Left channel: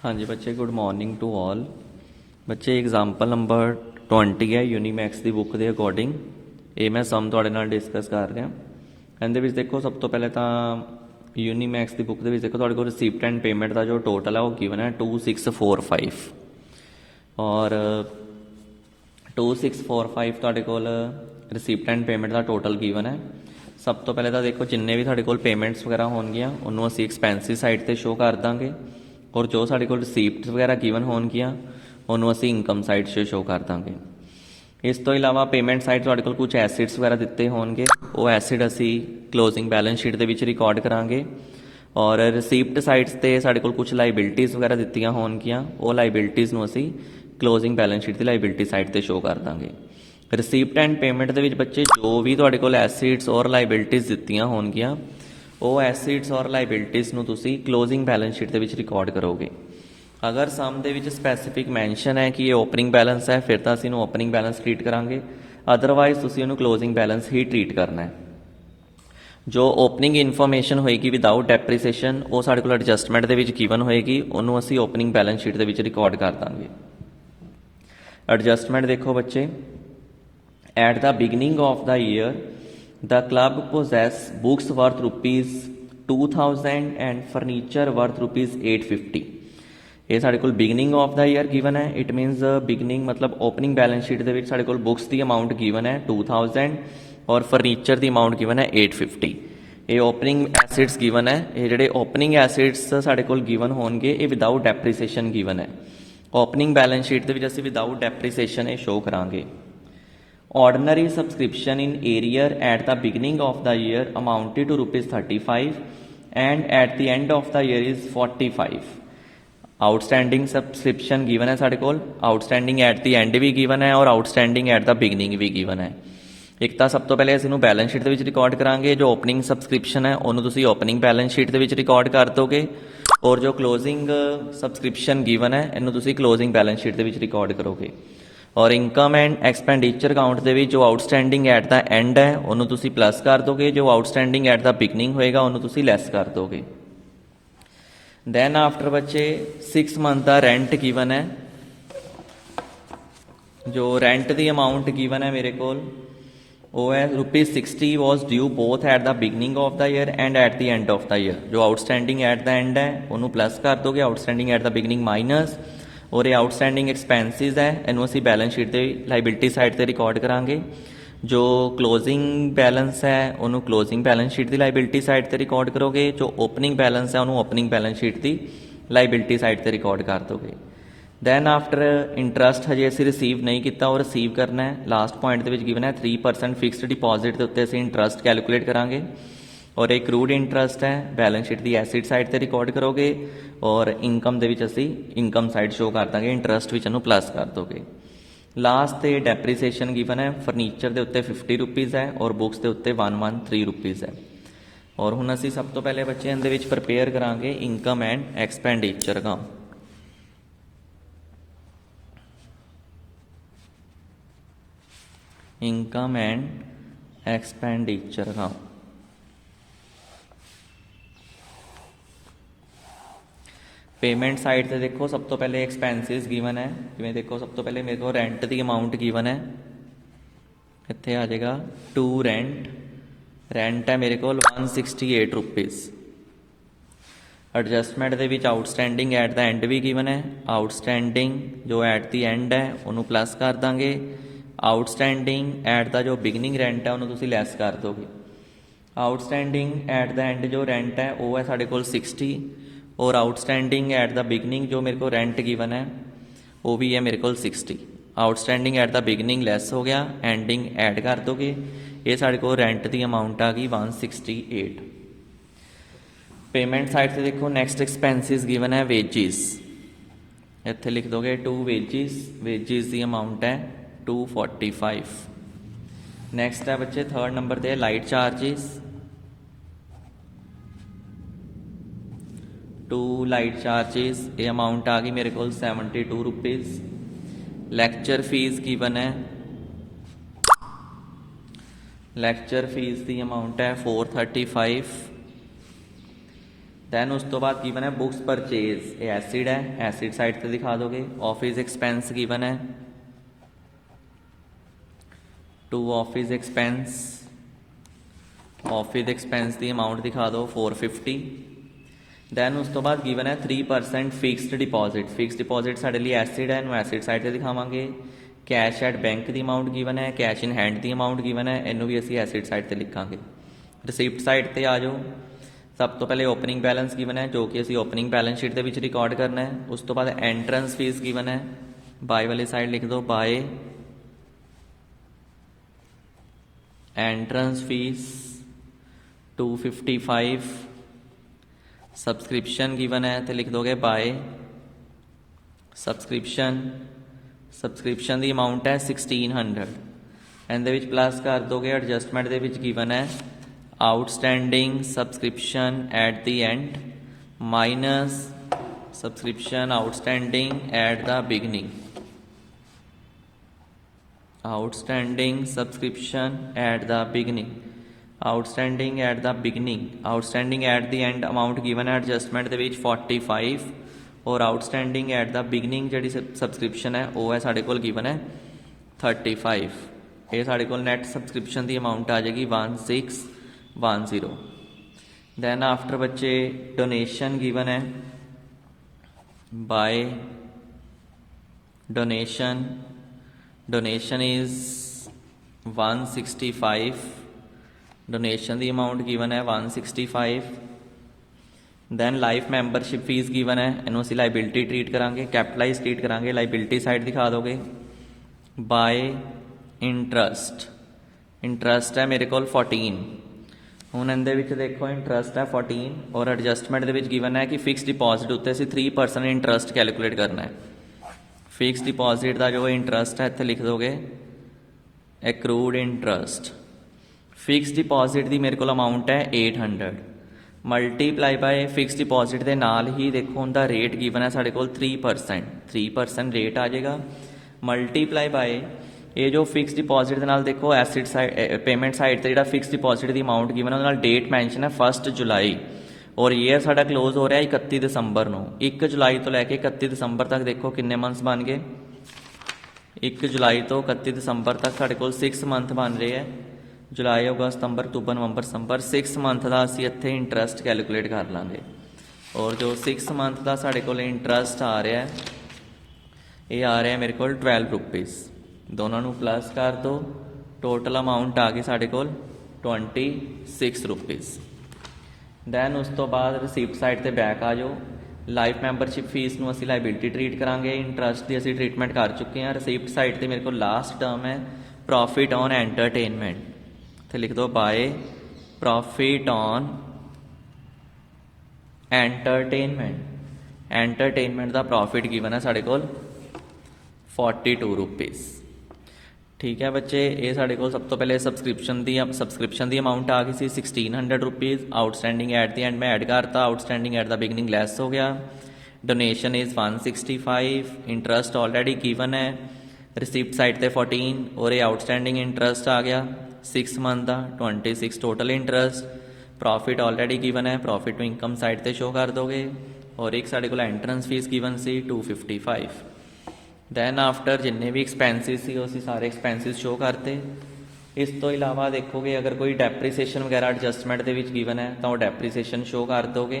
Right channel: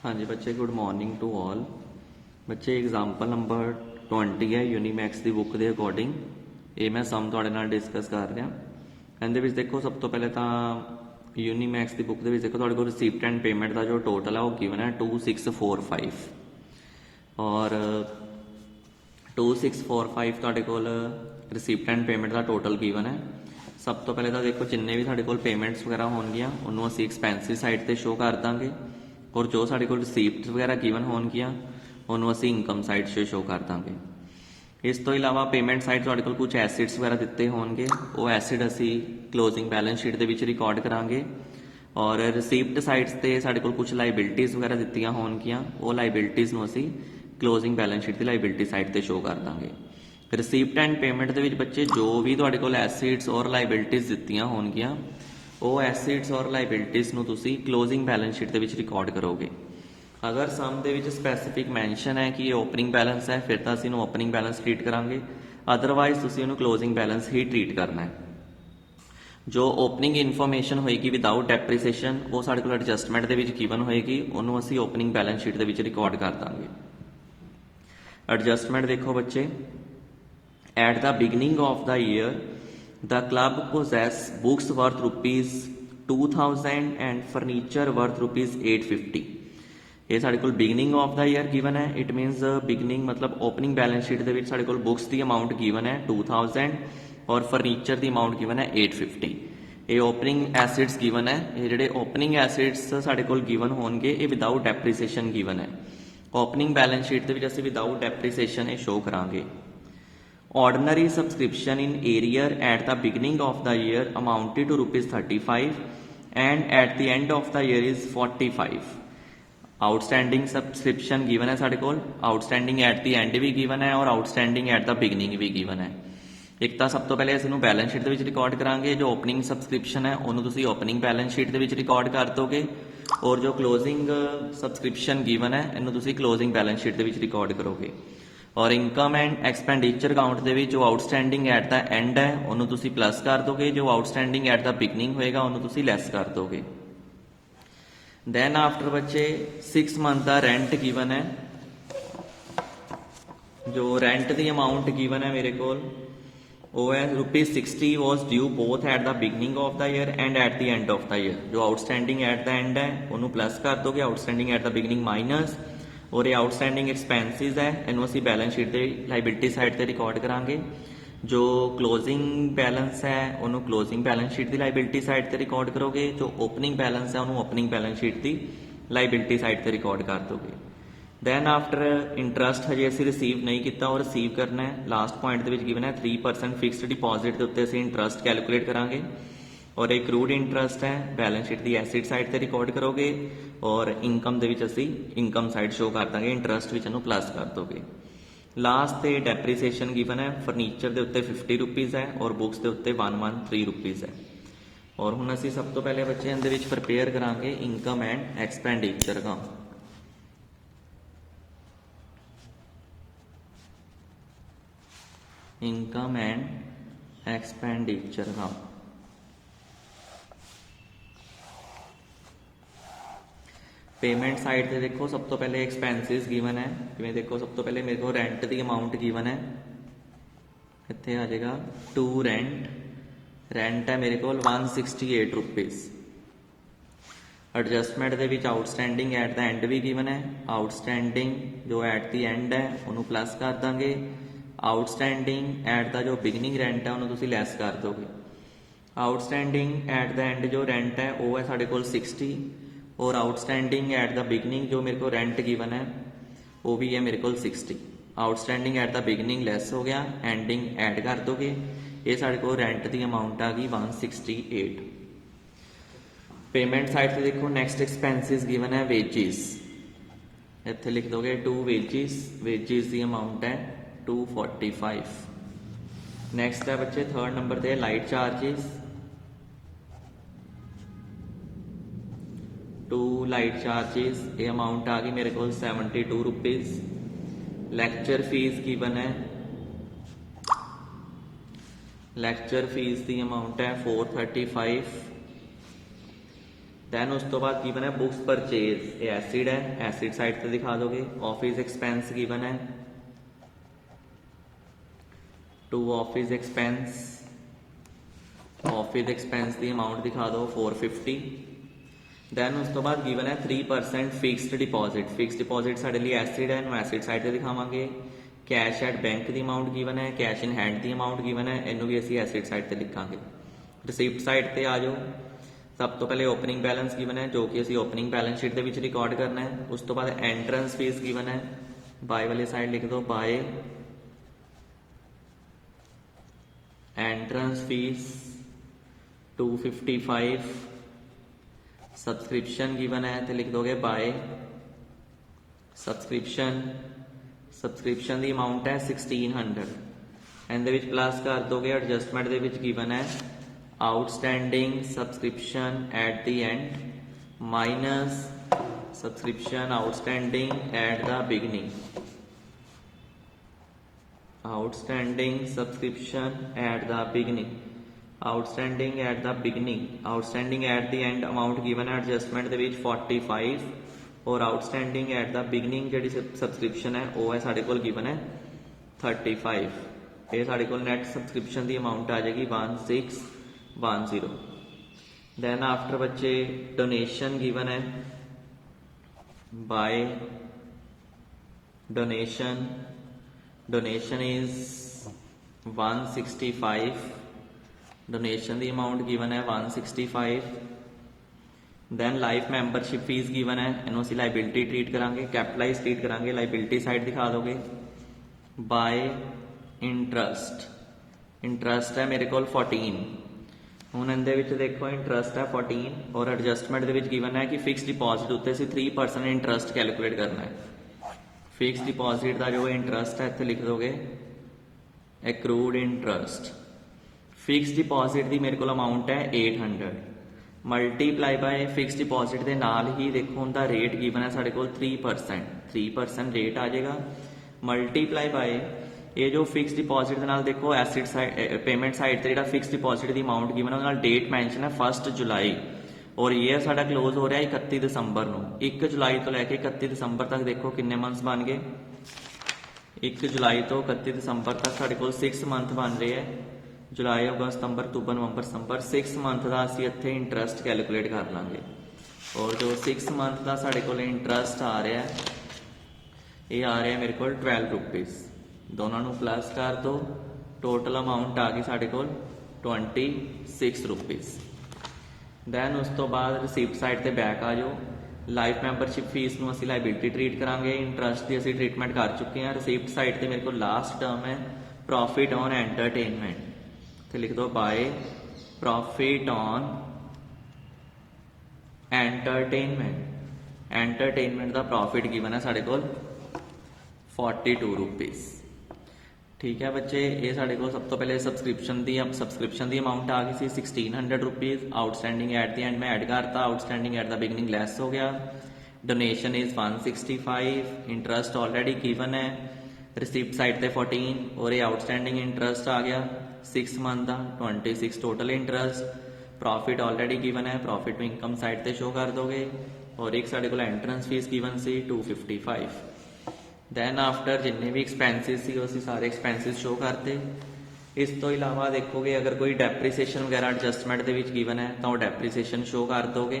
हाँ जी बच्चे, good morning to all. बच्चे एग्जाम्पल नंबर 20 है यूनीमैक्स की बुक के अकॉर्डिंग। ये मैं सम थोड़े नाल डिस्कस कर रहा। ਇਹਦੇ ਵਿੱਚ देखो सब तो पहले तो यूनीमैक्स की बुक के देखो थोड़े को रिसीप्ट एंड पेमेंट का जो टोटल है वो गिवन है 2645 और 2645 ਤੁਹਾਡੇ ਕੋਲ रिसीप्ट एंड पेमेंट का टोटल गिवन है। सब तो पहले तो देखो जिन्ने भी ਤੁਹਾਡੇ ਕੋਲ पेमेंट्स वगैरह ਹੋਣਗੀਆਂ ਉਹਨੂੰ ਅਸੀਂ एक्सपेंसिस साइड ਤੇ शो कर ਦਾਂਗੇ और जो साढ़े को रिसीप्ट वगैरह गिवन होणगियां उन्होंने असी इनकम साइड से शो कर देंगे। इस तो इलावा पेमेंट साइड तुहाडे कोल कुछ एसिड्स वगैरह दिते होणगे, वो एसिड असी क्लोजिंग बैलेंस शीट दे विच रिकॉर्ड करांगे और रिसीप्ट साइड्स ते साढ़े कोल कुछ लाइबिलिटीज़ वगैरह दित्तियां होणगियां, वो लाइबिलिटीज़ नूं असी क्लोजिंग बैलेंस शीट की लाइबिलिटी साइड ते शो कर देंगे। रिसीप्ट एंड पेमेंट दे विच बच्चे जो भी तुहाडे कोल एसिड्स और लाइबिलिटीज़ दित्तियां होणगियां वो एसिड्स और लाइबिलिटीज़ नूं तुसीं क्लोजिंग बैलेंस शीट दे विच रिकॉर्ड करोगे। अगर सम दे विच स्पैसीफिक मैंशन है कि ये ओपनिंग बैलेंस है फिर तो असीं ओपनिंग बैलेंस ट्रीट करांगे, अदरवाइज तुसीं उहनूं क्लोजिंग बैलेंस ही ट्रीट करना है। जो ओपनिंग इन्फॉर्मेशन होएगी विदाउट डेप्रीसीएशन वो साडे कोल एडजस्टमेंट दे विच गिवन होएगी, उहनूं असीं ओपनिंग बैलेंस शीट दे विच रिकॉर्ड कर दांगे। एडजस्टमेंट देखो बच्चे, at the beginning of the year the club possess books worth rupees 2000 and furniture worth rupees 850। ये साढ़े कोल beginning of the year given है, इट मीनस बिगनिंग मतलब ओपनिंग बैलेंस शीट दे विच साढ़े कोल बुक्स की अमाउंट गिवन है 2000 और फर्नीचर की अमाउंट गिवन है 850। ये ओपनिंग एसिड्स गिवन है, ये जिहड़े ओपनिंग एसिड्स साढ़े कोल गिवन होणगे ये विदाउट डेप्रीसीएशन गिवन है। ओपनिंग बैलेंस शीट दे विच असीं विदाउट डेप्रीसीएशन ये शो करांगे। Ordinary subscription in arrear at the beginning of the year amounted to rupees 35 and at the end of the year is 45। Outstanding subscription given है साढ़े कोल, outstanding at the and भी given है और outstanding at the beginning भी given है। एक तो सब तो पहले असं बैलेंस शीट के रिकॉर्ड करांगे, जो ओपनिंग सब्सक्रिप्शन है उन्होंने तुसीं ओपनिंग बैलेंस शीट के रिकॉर्ड कर दोगे और जो क्लोजिंग सब्सक्रिप्शन गिवन है इन्हों तुसीं क्लोजिंग बैलेंस शीट के रिकॉर्ड करोगे। और इनकम एंड एक्सपेंडिचर अकाउंट के जो आउटस्टैंडिंग एट द एंड है उन्होंने तुसीं प्लस कर दोगे, जो आउटस्टैंडिंग एट द बिगनिंग होएगा उन्होंने तुसीं लैस कर दोगे। दैन आफ्टर बच्चे 6 मंथ का रेंट गिवन है, जो रेंट की अमाउंट गिवन है मेरे को वो है rupees 60 was due both at the beginning of the year and eight the end of the year. जो आउटस्टैंडिंग एट द एंड है उन्होंने प्लस कर दोगे, outstanding at the beginning minus और ये आउटस्टैंडिंग एक्सपेंसिस है इन्हों असीं बैलेंस शीट की लाइबिलिटी साइड से रिकॉर्ड करांगे। जो क्लोजिंग बैलेंस है उन्होंने क्लोजिंग बैलेंस शीट की लाइबिलिटी साइड से रिकॉर्ड करोगे, जो ओपनिंग बैलेंस है उन्होंने ओपनिंग बैलेंस शीट की लाइबिलिटी साइड से रिकॉर्ड कर दोगे। दैन आफ्टर इंटरस्ट हजे असीं रिसीव नहीं किया और रिसीव करना है, लास्ट पॉइंट के गिवन है 3% फिक्सड डिपॉजिट के उत्ते असीं इंटरस्ट कैलकुलेट करांगे और एक क्रूड इंटरस्ट है बैलेंस शीट की एसिड साइड से रिकॉर्ड करोगे और इनकम दे विच असीं इनकम साइड शो कर देंगे, इंटरस्ट विच इहनूं प्लस कर दोगे। लास्ट ते डेप्रीसीएशन गिवन है, फर्नीचर के उत्ते 50 रुपीज़ है और बुक्स के उत्ते 113 रुपीज़ है। और हुण असीं सब तो पहले बच्चे इहदे विच प्रिपेयर करांगे income and expenditure account. Income and expenditure account payment side से देखो सब तो पहले एक्सपेंसिस गिवन है, जिवें देखो सब तो पहले मेरे को रेंट की अमाउंट गिवन है, इत्थे आ जाएगा टू रेंट, रेंट है मेरे को 168 रुपीज़। एडजस्टमेंट के विच आउटस्टैंडिंग एट द एंड भी गिवन है, आउटस्टैंडिंग जो एट द एंड है उन्होंने प्लस कर देंगे, आउटस्टैंडिंग एट द जो बिगनिंग रेंट है उन्होंने तुसीं लैस कर दोगे। आउटस्टैंडिंग एट द एंड जो रेंट है वो है साढ़े कोल 60 और आउटस्टैंडिंग एट द बिगनिंग जो मेरे को रेंट गिवन है वो भी है मेरे को 60। Outstanding at the beginning lace हो गया, एंडिंग ऐड कर दोगे, ये साढ़े को रेंट की अमाउंट आ गई 168। पेमेंट साइड से देखो नेक्स्ट एक्सपेंसिस गिवन है वेजिस, इत्थे लिख दोगे टू वेजिस, वेजिस की अमाउंट है 245। नैक्सट है बच्चे थर्ड नंबर पर लाइट चार्जिस, 2 लाइट चार्जिस, ये अमाउंट आ गई मेरे को 72 रुपीज़। लैक्चर फीस गिवन है, लैक्चर फीस की अमाउंट है 435। दैन उस तो बाद गिवन है बुक्स परचेज, ये एसिड है, एसिड साइड से दिखा दोगे। ऑफिस एक्सपेंस गिवन है, to office expense, office expense की अमाउंट दिखा दो 450। दैन उस तो बाद गिवन है 3% फिक्सड डिपॉजिट, फिक्सड डिपॉजिट साढ़े लिए एसिड है, एसिड साइड से दिखावांगे। कैश एट बैंक की अमाउंट गिवन है, कैश इन हैंड की अमाउंट गिवन है, इनू भी असी एसिड साइड से लिखांगे। रिसिप्ट साइड पर आ जाओ, सब तो पहले ओपनिंग बैलेंस गिवन है जो कि असी ओपनिंग बैलेंस शीट के रिकॉर्ड करना है। उस तो बाद एंट्रेंस फीस गिवन है, बाय वाली साइड लिख दो by entrance fees 255। Subscription given है तो लिख दोगे बाय सब्सक्रिप्शन, सब्सक्रिप्शन की अमाउंट है 1600। ਇਹਦੇ ਵਿੱਚ प्लस कर दोगे एडजस्टमेंट ਦੇ ਵਿੱਚ गिवन है outstanding subscription at the end minus subscription outstanding at the beginning, outstanding subscription at the beginning, outstanding at the beginning, outstanding at the end amount given है एडजस्टमेंट के 45 और आउटस्टैंडिंग एट द बिगनिंग जी subscription है वो है साढ़े को given है 35। ये साढ़े को नैट सबसक्रिप्शन की अमाउंट आ जाएगी 1610। दैन आफ्टर बच्चे डोनेशन गिवन है by donation, donation is 165, donation की अमाउंट गिवन है 165। Then life membership fees given है, इनू असी लाइबिलिटी ट्रीट करांगे, कैपिटलाइज ट्रीट करांगे, लाइबिलिटी साइड दिखा दोगे। बाय इंट्रस्ट, इंट्रस्ट है मेरे को 14, हुण इहदे विच देखो इंट्रस्ट है 14 और एडजस्टमेंट दे विच गिवन है कि फिक्स डिपॉजिट उत्ते असीं 3% इंट्रस्ट कैलकुलेट करना है। फिक्स डिपॉजिट का जो इंट्रस्ट है इत्थे लिख दोगे एक्रूड इंट्रस्ट, फिक्स डिपॉजिट की मेरे को अमाउंट है 800 मल्टीप्लाई बाय फिक्स डिपॉजिट के नाल ही देखो उनका रेट गिवन है साढ़े को 3% रेट आ जाएगा। मल्टीप्लाई बाय ये जो फिक्स डिपॉजिट के नाल देखो एसिड साइड पेमेंट साइड से जो फिक्स डिपॉजिट की अमाउंट गिवन है डेट मैंशन है 1 जुलाई और ईयर साडा क्लोज हो रहा है 31 दिसंबर नूं। 1 जुलाई तो लैके 31 दिसंबर तक देखो किन्ने मंथ्स बन गए, 1 जुलाई तो 31 दिसंबर तक साढ़े को 6 मंथ बन रहे हैं, जुलाई अगस्त सितंबर अक्तूबर नवंबर दिसंबर 6 मंथ का असीं इत्थे इंट्रस्ट कैलकुलेट कर लांगे। और जो 6 मंथ का साढ़े को इंट्रस्ट आ रहा है ये आ रहा है मेरे को 12 रुपीज़, दोनों नूं प्लस कर दो, टोटल अमाउंट आ गई साढ़े को 26 रुपीज़। दैन उस तो बाद रिसीप्ट साइड ते बैक आ जाओ, लाइफ मैंबरशिप फीस नूं असीं लाइबिलिटी ट्रीट करांगे, इंट्रस्ट की असीं ट्रीटमेंट कर चुके हैं। रिसीप्ट साइड ते मेरे को लास्ट टर्म है प्रॉफिट ऑन एंटरटेनमेंट, तो लिख दो by profit on entertainment, entertainment का प्रॉफिट गिवन है साढ़े को 42 रुपीज़। ठीक है बच्चे, ये साढ़े को सब तो पहले सब्सक्रिप्शन की अमाउंट आ गई सी 1600 rupees, outstanding at the and में ऐड करता, outstanding at the beginning lace हो गया। Donation is 165, interest already given है, रिसिप्ट साइड ते 14 और ये आउटस्टैंडिंग इंटरस्ट आ गया 6 मंथ का 26 total interest. Profit already given है, प्रॉफिट में इनकम साइड ते शो कर दोगे और एक साढ़े को एंट्रेंस फीस गिवन सी 255। दैन आफ्टर जिन्ने भी एक्सपेंसिस सी उसी सारे एक्सपेंसिस शो करते। इस तो इलावा देखोगे अगर कोई डेप्रीसीएशन वगैरह एडजस्टमेंट के गिवन है तो डेप्रीसीएशन शो कर दोगे।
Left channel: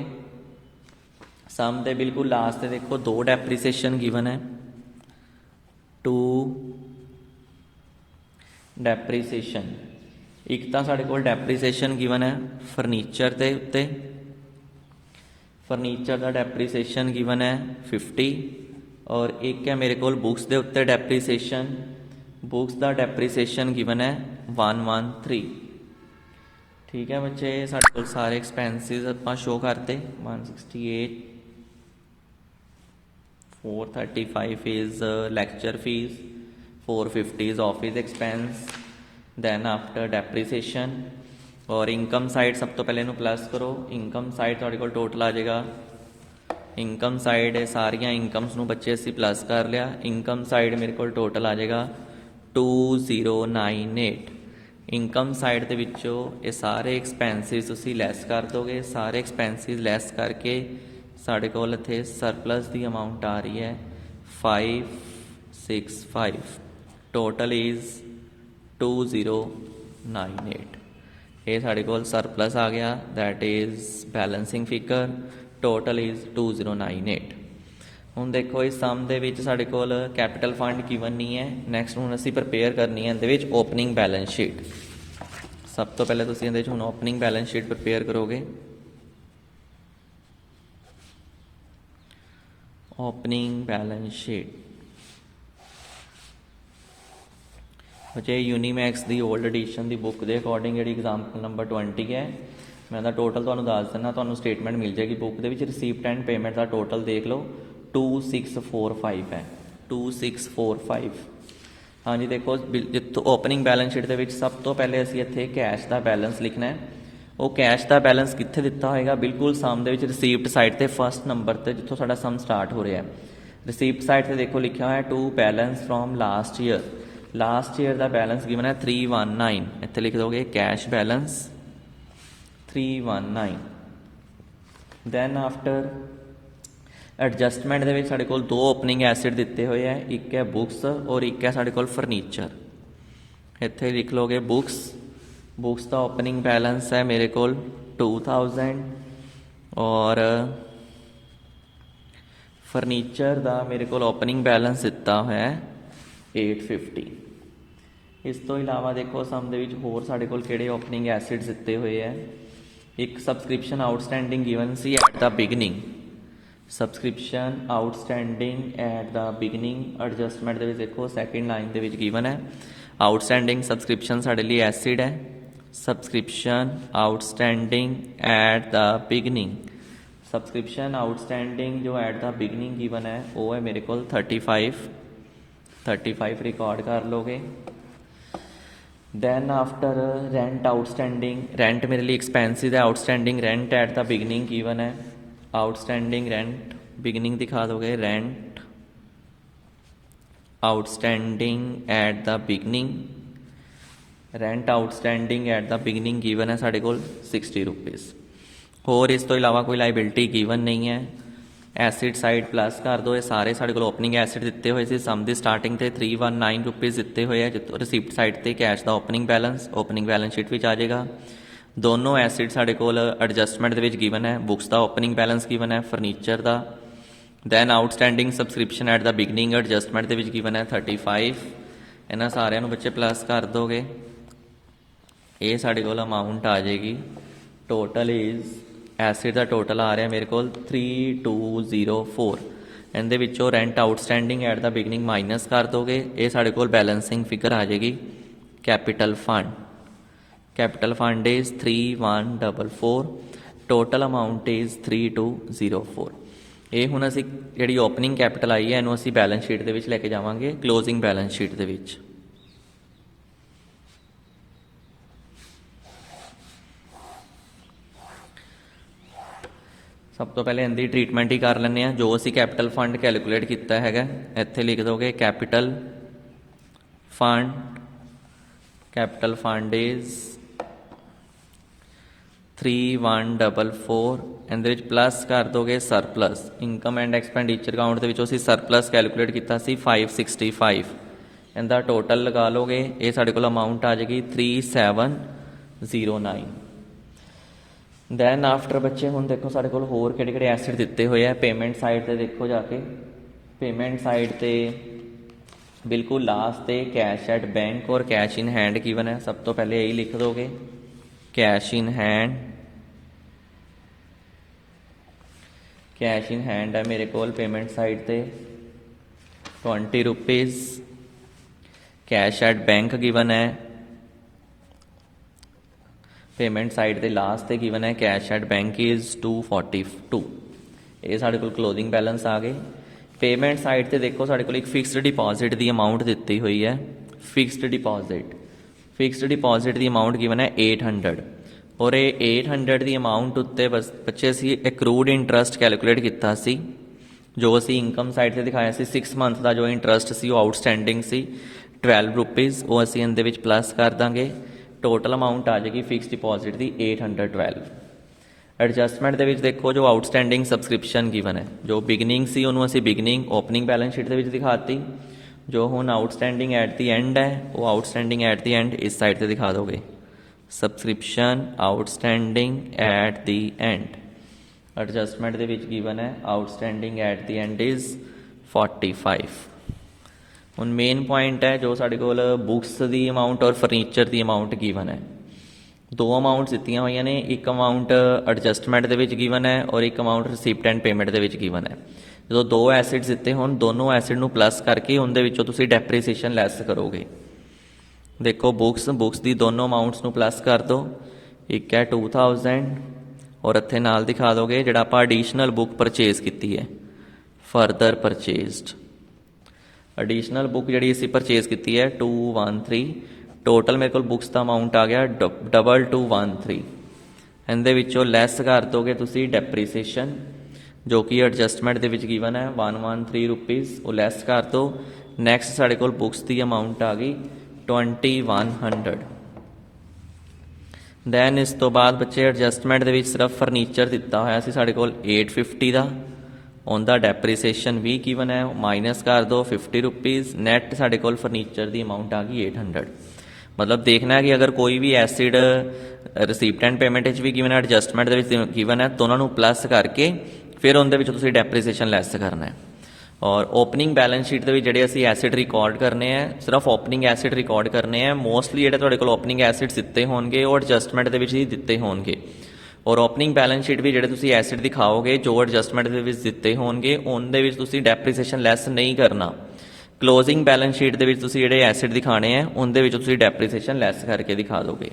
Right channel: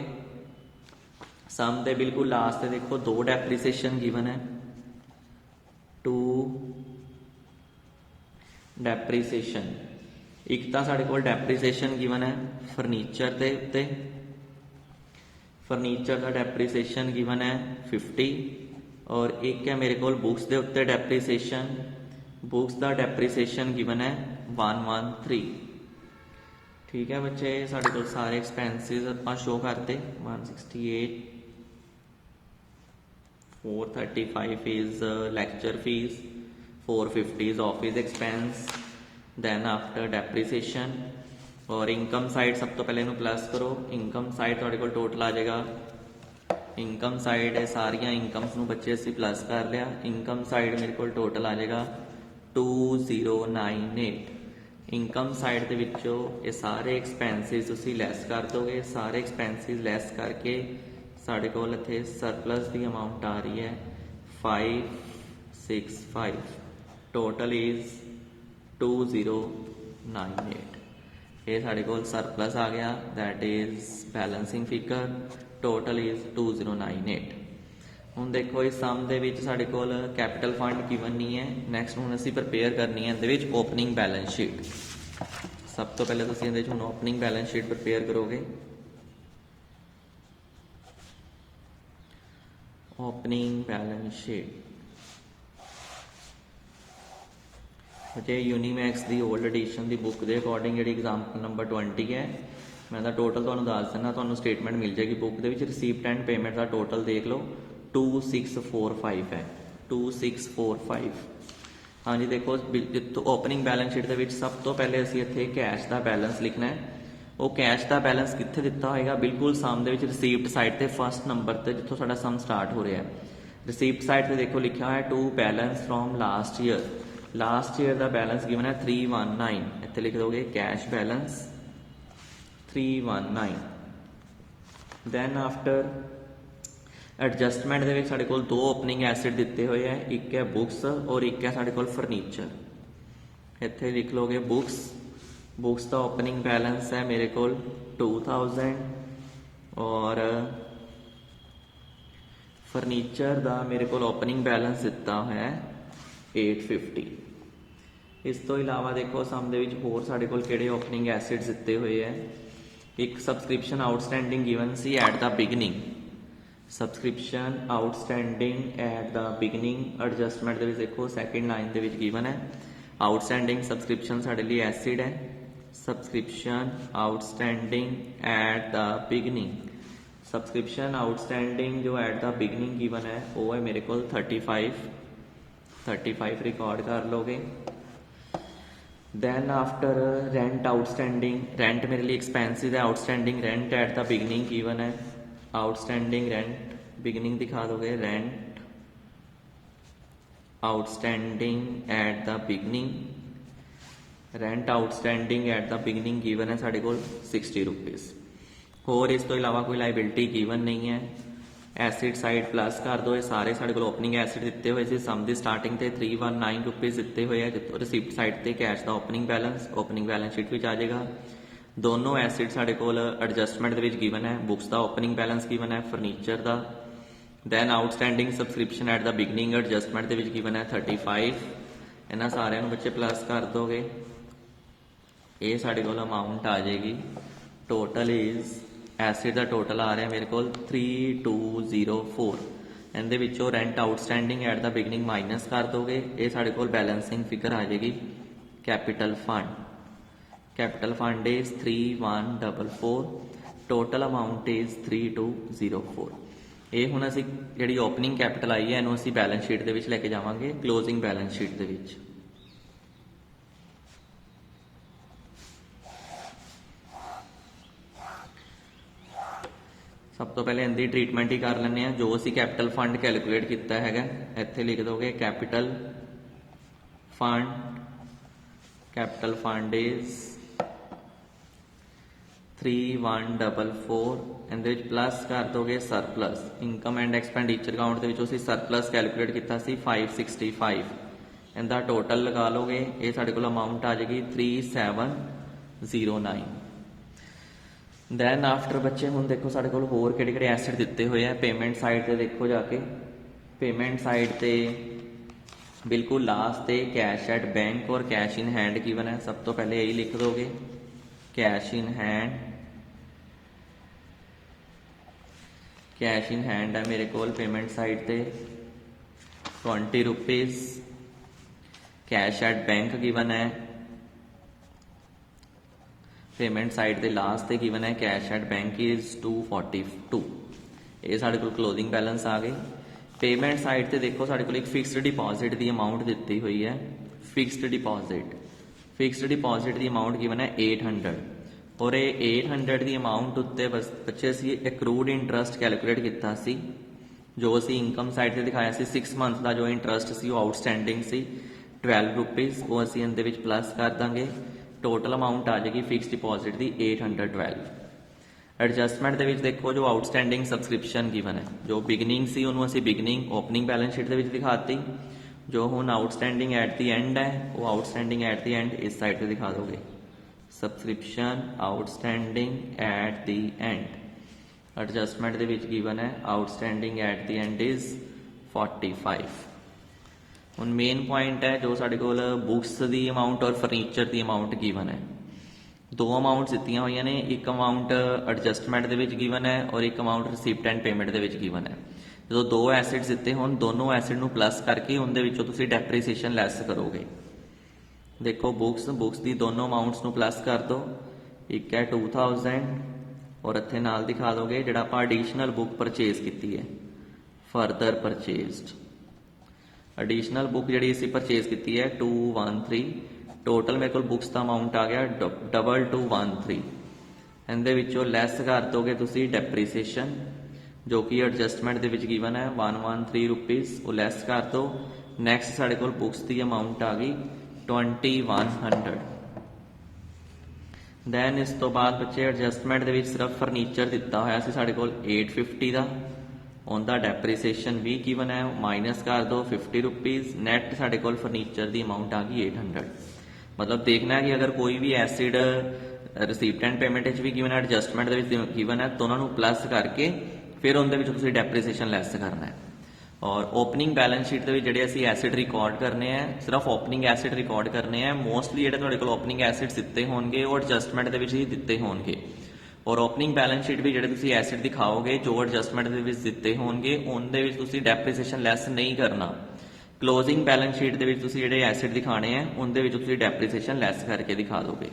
सम दे बिल्कुल लास्ट देखो 2 डेप्रीसीएशन गिवन है, 2 डेप्रीसीएशन। एक तो साढ़े को डेप्रीसीएशन गिवन है फर्नीचर के उत्ते, फर्नीचर का डेप्रीसीएशन गिवन है 50 और एक है मेरे को बुक्स के उत्ते डेप्रीसीएशन, बुक्स का डेप्रीसीएशन गिवन है 113। ठीक है बच्चे, साढ़े को सारे एक्सपेंसिस आप शो करते 168, 435 is lecture fees, 450 is office expense, then after depreciation. और इनकम साइड सब तो पहले प्लस करो, इनकम साइड थोड़े को टोटल आ जाएगा, इनकम साइड है सारिया इनकम्स नूं बच्चे असीं प्लस कर लिया, इनकम साइड मेरे को टोटल आ जाएगा 2098। ਇਨਕਮ ਸਾਈਡ ਦੇ ਵਿੱਚੋਂ ਇਹ ਸਾਰੇ ਐਕਸਪੈਂਸਿਸ ਤੁਸੀਂ ਲੈਸ ਕਰ ਦੋਗੇ। ਸਾਰੇ ਐਕਸਪੈਂਸਿਸ ਲੈਸ ਕਰਕੇ ਸਾਡੇ ਕੋਲ ਇੱਥੇ ਸਰਪਲਸ ਦੀ ਅਮਾਊਂਟ ਆ ਰਹੀ ਹੈ 565। Total is 2098। ਇਹ ਸਾਡੇ ਕੋਲ ਸਰਪਲਸ ਆ ਗਿਆ, that is balancing figure. Total is 2098। ਹੁਣ ਦੇਖੋ ਇਸ ਸਮ ਦੇ ਵਿੱਚ ਸਾਡੇ ਕੋਲ ਕੈਪੀਟਲ ਫੰਡ ਗਿਵਨ ਨਹੀਂ ਹੈ। ਨੈਕਸਟ ਹੁਣ ਅਸੀਂ ਪ੍ਰਪੇਅਰ ਕਰਨੀ ਹੈ ਇਹਦੇ ਵਿੱਚ ਓਪਨਿੰਗ ਬੈਲੈਂਸ ਸ਼ੀਟ। ਸਭ ਤੋਂ ਪਹਿਲੇ ਤੁਸੀਂ ਇਹਦੇ ਵਿੱਚ ਹੁਣ ਓਪਨਿੰਗ ਬੈਲੈਂਸ ਸ਼ੀਟ ਪ੍ਰਪੇਅਰ ਕਰੋਗੇ। ਓਪਨਿੰਗ ਬੈਲੈਂਸ ਸ਼ੀਟ ਜੇ ਯੂਨੀਮੈਕਸ ਦੀ ਓਲਡ ਐਡੀਸ਼ਨ ਦੀ ਬੁੱਕ ਦੇ ਅਕੋਰਡਿੰਗ ਜਿਹੜੀ ਐਗਜ਼ਾਮਪਲ ਨੰਬਰ 20 ਹੈ, ਮੈਂ ਤਾਂ ਟੋਟਲ ਤੁਹਾਨੂੰ ਦੱਸ ਦਿੰਦਾ, ਤੁਹਾਨੂੰ ਸਟੇਟਮੈਂਟ ਮਿਲ ਜਾਏਗੀ ਬੁੱਕ ਦੇ ਵਿੱਚ। Receipt and payment the total ਦੇਖ ਲਓ 2645 ਹੈ, 2645। ਹਾਂਜੀ ਦੇਖੋ ਜਿੱਥੋਂ ਓਪਨਿੰਗ ਬੈਲੈਂਸ ਸ਼ੀਟ ਦੇ ਵਿੱਚ ਸਭ ਤੋਂ ਪਹਿਲੇ ਅਸੀਂ ਇੱਥੇ ਕੈਸ਼ ਦਾ ਬੈਲੈਂਸ ਲਿਖਣਾ ਹੈ। ਉਹ ਕੈਸ਼ ਦਾ ਬੈਲੈਂਸ ਕਿੱਥੇ ਦਿੱਤਾ ਹੋਏਗਾ? ਬਿਲਕੁਲ ਸਮ ਦੇ ਵਿੱਚ ਰਿਸੀਪਟ ਸਾਈਡ ਤੇ ਫਸਟ ਨੰਬਰ ਤੇ ਜਿੱਥੋਂ ਸਾਡਾ ਸਮ ਸਟਾਰਟ ਹੋ ਰਿਹਾ। ਰਿਸੀਪਟ ਸਾਈਡ ਤੇ ਦੇਖੋ ਲਿਖਿਆ ਹੋਇਆ to balance from last year. Last year ਦਾ ਬੈਲੈਂਸ ਗਿਵਨ ਹੈ 319। ਇੱਥੇ ਲਿਖ ਦੋਗੇ cash balance 319। Then after adjustment ਦੇ ਵਿੱਚ ਸਾਡੇ ਕੋਲ ਦੋ ਓਪਨਿੰਗ ਐਸਿਡ ਦਿੱਤੇ ਹੋਏ ਹੈ, ਇੱਕ ਹੈ ਬੁੱਕਸ ਔਰ ਇੱਕ ਹੈ ਸਾਡੇ ਕੋਲ ਫਰਨੀਚਰ। ਇੱਥੇ ਲਿਖ ਲੋਗੇ ਬੁੱਕਸ। ਬੁੱਕਸ ਦਾ ਓਪਨਿੰਗ ਬੈਲੈਂਸ ਹੈ ਮੇਰੇ ਕੋਲ 2000 ਔਰ ਫਰਨੀਚਰ ਦਾ ਮੇਰੇ ਕੋਲ ਓਪਨਿੰਗ ਬੈਲੈਂਸ ਦਿੱਤਾ ਹੋਇਆ ਹੈ 850। ਇਸ ਤੋਂ ਇਲਾਵਾ ਦੇਖੋ ਸਮ ਦੇ ਵਿੱਚ ਹੋਰ ਸਾਡੇ ਕੋਲ ਕਿਹੜੇ ਓਪਨਿੰਗ ਐਸਿਡਸ ਦਿੱਤੇ ਹੋਏ ਹੈ। ਇੱਕ subscription outstanding given C at the beginning. Subscription outstanding at the beginning adjustment ਦੇ ਵਿੱਚ ਦੇਖੋ ਸੈਕਿੰਡ ਲਾਈਨ ਦੇ ਵਿੱਚ ਗਿਵਨ ਹੈ ਆਊਟਸਟੈਂਡਿੰਗ ਸਬਸਕ੍ਰਿਪਸ਼ਨ ਸਾਡੇ ਲਈ ਐਸਿਡ ਹੈ। Subscription outstanding at the beginning. Subscription outstanding ਜੋ ਐਟ ਦਾ ਬਿਗਨਿੰਗ ਗਿਵਨ ਹੈ ਉਹ ਹੈ ਮੇਰੇ ਕੋਲ 35 ਰਿਕਾਰਡ ਕਰ ਲੋਗੇ। Then after rent outstanding. Rent ਮੇਰੇ ਲਈ ਐਕਸਪੈਂਸਿਸ ਹੈ। Outstanding rent at the beginning given ਹੈ। ਆਊਟਸਟੈਂਡਿੰਗ ਰੈਂਟ ਬਿਗਨਿੰਗ ਦਿਖਾ ਦੋਗੇ rent outstanding at the beginning. Rent outstanding at the beginning given ਹੈ ਸਾਡੇ ਕੋਲ 60 ਰੁਪੀਜ਼। ਹੋਰ ਇਸ ਤੋਂ ਇਲਾਵਾ ਕੋਈ ਲਾਇਬਿਲਿਟੀ ਗਿਵਨ ਨਹੀਂ ਹੈ। ਐਸਿਡ ਸਾਈਡ ਪਲੱਸ ਕਰ ਦੋ। ਇਹ ਸਾਰੇ ਸਾਡੇ ਕੋਲ ਓਪਨਿੰਗ ਐਸਿਡ ਦਿੱਤੇ ਹੋਏ ਸੀ। ਸਮ ਦੀ ਸਟਾਰਟਿੰਗ ਤੇ 319 ਰੁਪੀਜ਼ ਦਿੱਤੇ ਹੋਏ ਹੈ। ਜਿੱਥੋਂ ਰਿਸੀਪਟ ਸਾਈਡ ਤੇ ਕੈਸ਼ ਦਾ ਓਪਨਿੰਗ ਬੈਲੈਂਸ ਸ਼ੀਟ ਵਿੱਚ ਆ ਜਾਏਗਾ। ਦੋਨੋਂ ਐਸਿਡ ਸਾਡੇ ਕੋਲ ਐਡਜਸਟਮੈਂਟ ਦੇ ਵਿੱਚ ਗਿਵਨ ਹੈ। ਬੁੱਕਸ ਦਾ ਓਪਨਿੰਗ ਬੈਲੈਂਸ ਗਿਵਨ ਹੈ, ਫਰਨੀਚਰ ਦਾ। Then outstanding subscription at the beginning adjustment ਦੇ ਵਿੱਚ ਗਿਵਨ ਹੈ 35। ਇਹਨਾਂ ਸਾਰਿਆਂ ਨੂੰ ਬੱਚੇ ਪਲੱਸ ਕਰ ਦੋਗੇ। ਇਹ ਸਾਡੇ ਕੋਲ ਅਮਾਊਂਟ ਆ ਜਾਏਗੀ। Total is acid the total ਆ ਰਿਹਾ ਮੇਰੇ ਕੋਲ 3204। ਇਹਦੇ ਵਿੱਚੋਂ rent outstanding at the beginning minus ਕਰ ਦੋਗੇ। ਇਹ ਸਾਡੇ ਕੋਲ ਬੈਲੈਂਸਿੰਗ ਫਿਗਰ ਆ ਜਾਏਗੀ। Capital fund is 3144। Total amount is 3204। ਇਹ ਹੁਣ ਅਸੀਂ ਜਿਹੜੀ ਓਪਨਿੰਗ ਕੈਪੀਟਲ ਆਈ ਹੈ ਇਹਨੂੰ ਅਸੀਂ ਬੈਲੈਂਸ ਸ਼ੀਟ ਦੇ ਵਿੱਚ ਲੈ ਕੇ ਜਾਵਾਂਗੇ, ਕਲੋਜ਼ਿੰਗ ਬੈਲੈਂਸ ਸ਼ੀਟ ਦੇ ਵਿੱਚ। ਸਭ ਤੋਂ ਪਹਿਲੇ ਇਹਦੀ ਟ੍ਰੀਟਮੈਂਟ ਹੀ ਕਰ ਲੈਂਦੇ ਹਾਂ। ਜੋ ਅਸੀਂ ਕੈਪੀਟਲ ਫੰਡ ਕੈਲਕੂਲੇਟ ਕੀਤਾ ਹੈਗਾ ਇੱਥੇ ਲਿਖ ਦੋਗੇ ਕੈਪੀਟਲ ਫੰਡ ਇਜ਼ 3144। ਇਹਦੇ ਵਿੱਚ ਪਲੱਸ ਕਰ ਦੋਗੇ surplus. Income and expenditure account ਦੇ ਵਿੱਚੋਂ ਅਸੀਂ ਸਰਪਲਸ ਕੈਲਕੂਲੇਟ ਕੀਤਾ ਸੀ 565। ਇਹਦਾ ਟੋਟਲ ਲਗਾ ਲੋਗੇ। ਇਹ ਸਾਡੇ ਕੋਲ ਅਮਾਊਂਟ ਆ ਜਾਏਗੀ 3709। ਦੈਨ ਆਫਟਰ ਬੱਚੇ ਹੁਣ ਦੇਖੋ ਸਾਡੇ ਕੋਲ ਹੋਰ ਕਿਹੜੇ ਕਿਹੜੇ ਐਸਿਡ ਦਿੱਤੇ ਹੋਏ ਆ। ਪੇਮੈਂਟ ਸਾਈਡ ਤੇ ਦੇਖੋ ਜਾ ਕੇ। ਪੇਮੈਂਟ ਸਾਈਡ ਤੇ ਬਿਲਕੁਲ ਲਾਸਟ ਤੇ ਕੈਸ਼ ਐਟ ਬੈਂਕ ਔਰ ਕੈਸ਼ ਇਨ ਹੈਂਡ ਗਿਵਨ ਹੈ। ਸਭ ਤੋਂ ਪਹਿਲੇ ਇਹੀ ਲਿਖ ਦੋਗੇ ਕੈਸ਼ ਇਨ ਹੈਂਡ। ਕੈਸ਼ ਇਨ ਹੈਂਡ ਹੈ ਮੇਰੇ ਕੋਲ ਪੇਮੈਂਟ ਸਾਈਡ ਤੇ 20 rupees. Cash at bank given ਹੈ ਪੇਮੈਂਟ ਸਾਈਡ ਦੇ ਲਾਸਟ ਤੇ ਗਿਵਨ ਹੈ ਕੈਸ਼ ਐਟ ਬੈਂਕ ਇਜ਼ 242। ਇਹ ਸਾਡੇ ਕੋਲ ਕਲੋਜ਼ਿੰਗ ਬੈਲੈਂਸ ਆ ਗਏ। ਪੇਮੈਂਟ ਸਾਈਡ ਤੇ ਦੇਖੋ ਸਾਡੇ ਕੋਲ ਇੱਕ ਫਿਕਸਡ ਡਿਪੋਜ਼ਿਟ ਦੀ ਅਮਾਊਂਟ ਦਿੱਤੀ ਹੋਈ ਹੈ। ਫਿਕਸਡ ਡਿਪੋਜ਼ਿਟ ਦੀ ਅਮਾਊਂਟ ਗਿਵਨ ਹੈ 800 ਔਰ ਇਹ 800 ਦੀ ਅਮਾਊਂਟ ਉੱਤੇ ਬੱਚੇ ਅਸੀਂ ਐਕਰੂਡ ਇੰਟਰਸਟ ਕੈਲਕੂਲੇਟ ਕੀਤਾ ਸੀ। ਜੋ ਅਸੀਂ ਇਨਕਮ ਸਾਈਡ ਤੇ ਦਿਖਾਇਆ ਸੀ 6 ਮੰਥ ਦਾ ਜੋ ਇੰਟਰਸਟ ਸੀ ਉਹ ਆਊਟਸਟੈਂਡਿੰਗ ਸੀ 12 ਰੁਪੀਜ਼। ਉਹ ਅਸੀਂ ਇਹਦੇ ਵਿੱਚ ਪਲੱਸ ਕਰ ਦਾਂਗੇ। टोटल अमाउंट आ जाएगी फिक्स डिपॉजिट की 812। एडजस्टमेंट ਦੇ ਵਿੱਚ ਦੇਖੋ ਜੋ ਆਊਟਸਟੈਂਡਿੰਗ ਸਬਸਕ੍ਰਿਪਸ਼ਨ ਗਿਵਨ ਹੈ, ਜੋ ਬਿਗਨਿੰਗ ਸੀ ਉਹਨੂੰ ਅਸੀਂ ਬਿਗਨਿੰਗ ਓਪਨਿੰਗ ਬੈਲੈਂਸ ਸ਼ੀਟ ਦੇ ਵਿੱਚ ਦਿਖਾਤੀ, ਜੋ ਹੁਣ ਆਊਟਸਟੈਂਡਿੰਗ ਐਟ ਦੀ ਐਂਡ ਹੈ ਉਹ ਆਊਟਸਟੈਂਡਿੰਗ ਐਟ ਦੀ ਐਂਡ ਇਸ ਸਾਈਡ ਤੇ ਦਿਖਾ ਦੋਗੇ, subscription outstanding at the and. Adjustment ਦੇ ਵਿੱਚ ਗਿਵਨ ਹੈ outstanding at the and is 45। ਹੁਣ ਮੇਨ ਪੁਆਇੰਟ ਹੈ ਜੋ ਸਾਡੇ ਕੋਲ ਬੁੱਕਸ ਦੀ ਅਮਾਊਂਟ ਔਰ ਫਰਨੀਚਰ ਦੀ ਅਮਾਊਂਟ ਗਿਵਨ ਹੈ। दो अमाउंट्स दित्तियां हुई ने, एक अमाउंट एडजस्टमेंट दे विच गिवन है और एक amount receipt and payment they which given है। जो दो एसिड्स दिते होन दोनों एसिड नूं प्लस करके उनदे विचों तुसीं डेप्रीसीएशन लैस करोगे। देखो बुक्स दी दोनों अमाउंट्स नूं प्लस कर दो, एक है 2000 और इत्थे नाल दिखा दोगे जिहड़ा आपां एडिशनल बुक परचेज कीती है फरदर परचेज्ड। एडिशनल बुक जिहड़ी असीं परचेज कीती है 213, टोटल मेरे को बुक्स का अमाउंट आ गया 2213। इहदे विचों लैस कर दोगे तुसी डेप्रीसीएशन जो कि एडजस्टमेंट दे विच गिवन है 113 रुपीज़, वो लैस कर दो। नैक्सट साढ़े कोल बुक्स की अमाउंट आ गई 2100। दैन इस तो बाद बच्चे एडजस्टमेंट दे विच सिर्फ फर्नीचर दिता होया सी साढ़े कोल 850 का, उनका डेप्रीसीएशन भी गिवन है, माइनस कर दो 50 रुपीज़। नैट साढ़े कोल फर्नीचर की अमाउंट आ गई 800। मतलब देखना है कि अगर कोई भी एसिड रिसीप्ट एंड पेमेंट भी गिवन है एडजस्टमेंट गिवन है तो उन्होंने प्लस करके फिर उनके डेप्रीसीएशन लैस करना है। और ओपनिंग बैलेंस शीट के जोड़े असी एसिड रिकॉर्ड करने हैं, सिर्फ ओपनिंग एसिड रिकॉर्ड करने हैं। मोस्टली जो ओपनिंग एसिड दिते होंगे वो एडजस्टमेंट के ही दिते होंगे, और ओपनिंग बैलेंस शीट भी जो एसिड दिखाओगे जो एडजस्टमेंट के दिते होंगे उनके डेप्रीसीएशन लैस नहीं करना। क्लोजिंग बैलेंस शीट के जोड़े एसिड दिखाने हैं उनके डेप्रीसीएशन लैस करके दिखा दोगे।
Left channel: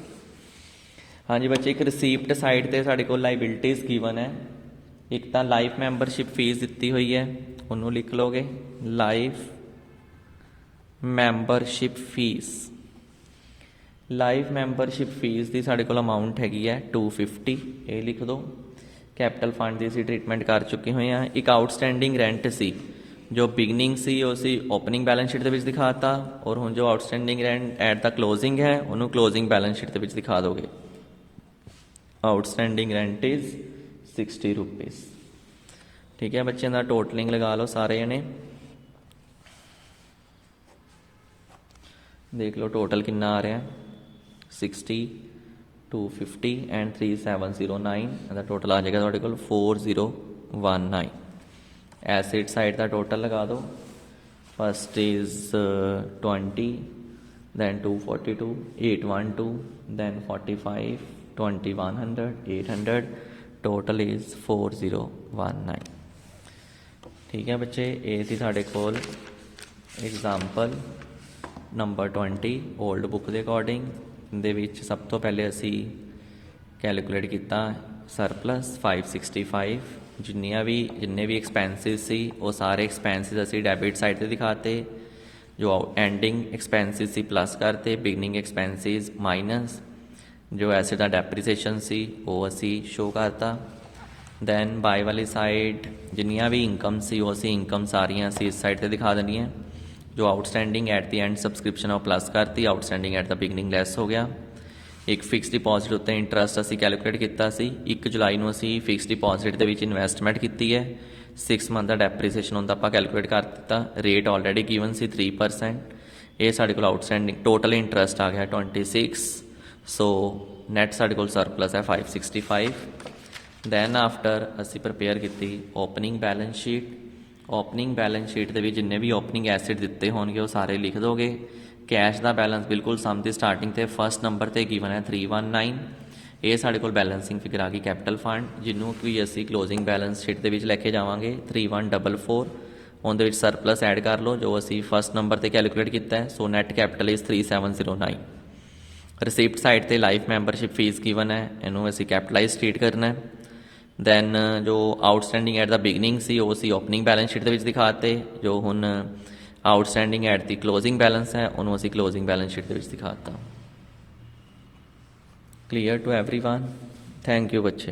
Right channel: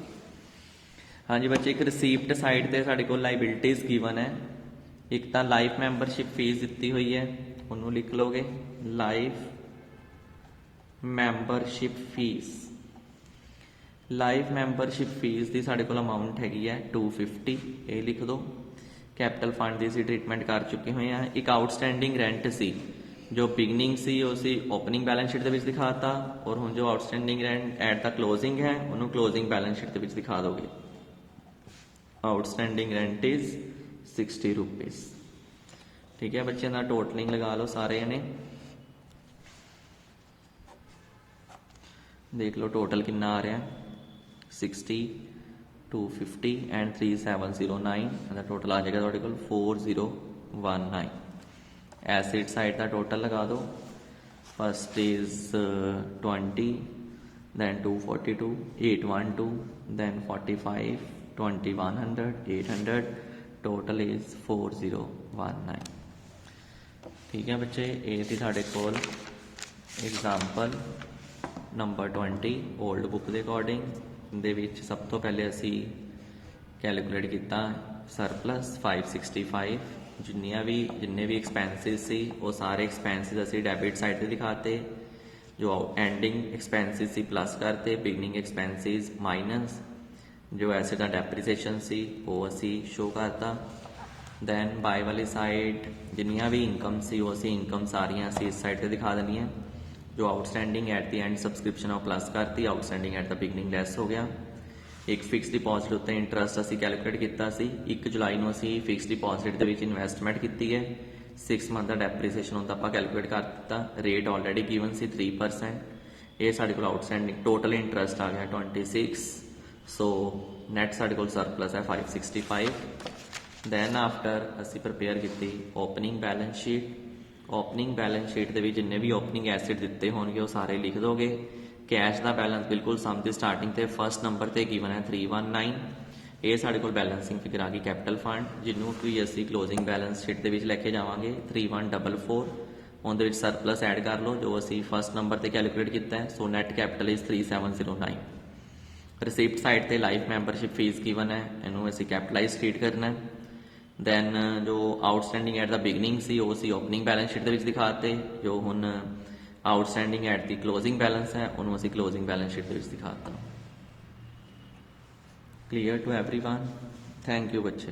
हाँ जी बच्चे, एक रिसीप्ट साइड पर साढ़े को लाइबिलिटीज़ गिवन है। एक तो लाइफ मैंबरशिप फीस दी हुई है, उन्होंने लिख लोगे life membership fees. Life membership fees की साढ़े को अमाउंट हैगी है 250, ये लिख दो। कैपिटल फंड की असीं ट्रीटमेंट कर चुके हुए हैं। एक आउटस्टैंडिंग रेंट सी जो बिगनिंग सी उसी ओपनिंग बैलेंस शीट के दिखाता, और हुण जो outstanding rent eight the closing है उन्होंने क्लोजिंग बैलेंस शीट के दिखा दोगे। Outstanding rent is 60 rupees. ठीक है बच्चों का टोटलिंग लगा लो सारे ने, देख लो टोटल कितना आ रहा है 60, 250 एंड 3709 टोटल आ जाएगा थोड़े को 4019। एसिड साइड का टोटल लगा दो, first is 20, then 242, 812, then 45, 2100, 800, total is 4019। ठीक है बच्चे, ये थी साढ़े कोल एग्जाम्पल नंबर 20 ओल्ड बुक के अकॉर्डिंग। दे सब तो पहले असी कैलकुलेट किया सरप्लस 565, जिन्ने भी एक्सपेंसिस सी वो सारे एक्सपेंसिस असी डैबिट साइड से दिखाते, जो एंडिंग एक्सपेंसिस सी प्लस करते, बिगनिंग एक्सपेंसिस माइनस, जो एसिड का डेप्रीसीएशन सी वो असी शो करता। दैन बाय वाली साइड जिन्नियां भी इनकम सी वो असी इनकम सारियां असी इस साइड से दिखा देनी है। जो outstanding at the and subscription वो प्लस करती, outstanding at the beginning lace हो गया। एक फिक्स डिपॉजिट उत्ते इंटरस्ट असी कैलकुलेट किया सी, 1 जुलाई को असी फिक्स डिपॉजिट के इन्वेस्टमेंट की है। 6 मंथ का डेप्रीसीएशन उनका आप कैलकुलेट कर दिता, रेट ऑलरेडी गिवन सी 3%। ये साढ़े को आउटस्टैंडिंग टोटल इंटरस्ट आ गया 26, सो नैट साढ़े को सरप्लस है 565। दैन आफ्टर असी प्रिपेयर की opening balance sheet. Opening balance sheet के जिन्ने भी ओपनिंग एसिड दिते होंगे वो सारे लिख दोगे। कैश का बैलेंस बिल्कुल सम की स्टार्टिंग से फर्स्ट नंबर पर गिवन है 319। ये साढ़े को बैलेंसिंग फिगर आ गई कैपिटल फंड, जिन्हों भी असी क्लोजिंग बैलेंस शीट के लैके जावांगे 3144। उनके सरप्लस ऐड कर लो जो असी फर्स्ट नंबर पर कैलकुलेट किया है, so net capital is 3709। Receipt side पर लाइफ मैंबरशिप फीस गिवन है, इनू असी कैपिटलाइज ट्रीट करना है। दैन जो आउटस्टैंडिंग एट द बिगनिंग सी वो असी ओपनिंग बैलेंस शीट के दिखाते, जो हुण outstanding at the closing balance है उन्होंने असी क्लोजिंग बैलेंस शीट के दिखाता। Clear to everyone? Thank you बच्चे।